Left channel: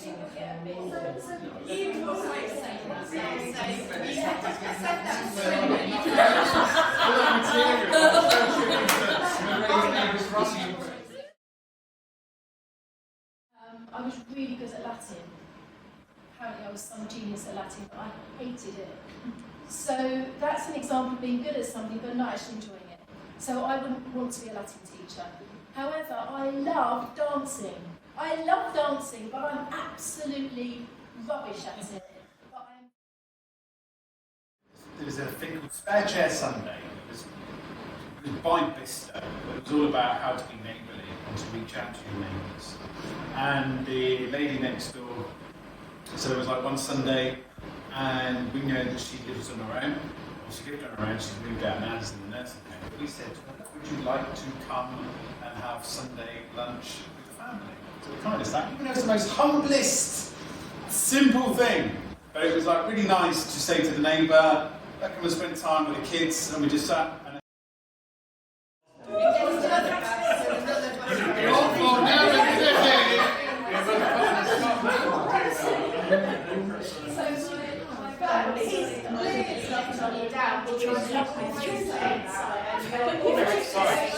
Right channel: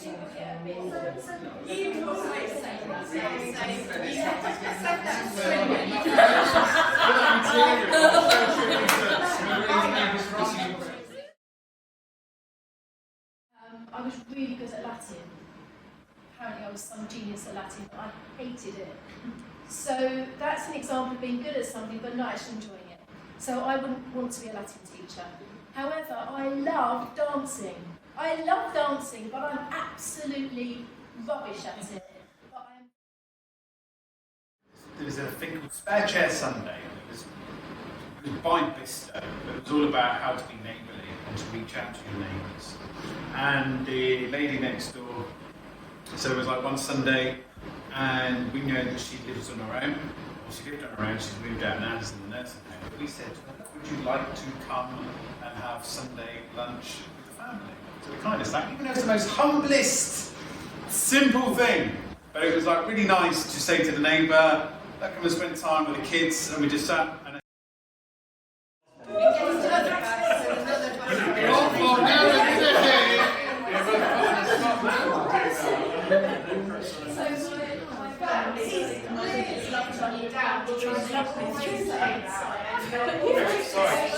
I was really good at Latin. Apparently I was some genius at Latin, but I hated it. So that's an example of being good at something but not actually enjoying it. So I wouldn't want to be a Latin teacher. However, I love dancing. I love dancing, but I'm absolutely rubbish at it. There was a thing called Spare Chair Sunday. It was by Bista. It was all about how to be neighbourly and to reach out to your neighbours. And the lady next door, so it was like one Sunday, and we know that she lives on her own. Well, she lived on her own, she's moved out now, she's in the nursing home. But we said, would you like to come and have Sunday lunch with the family? So we kind of sat, even though it's the most humblest, simple thing. But it was like really nice to say to the neighbour, "Come and spend time with the kids," and we just sat. And Sorry.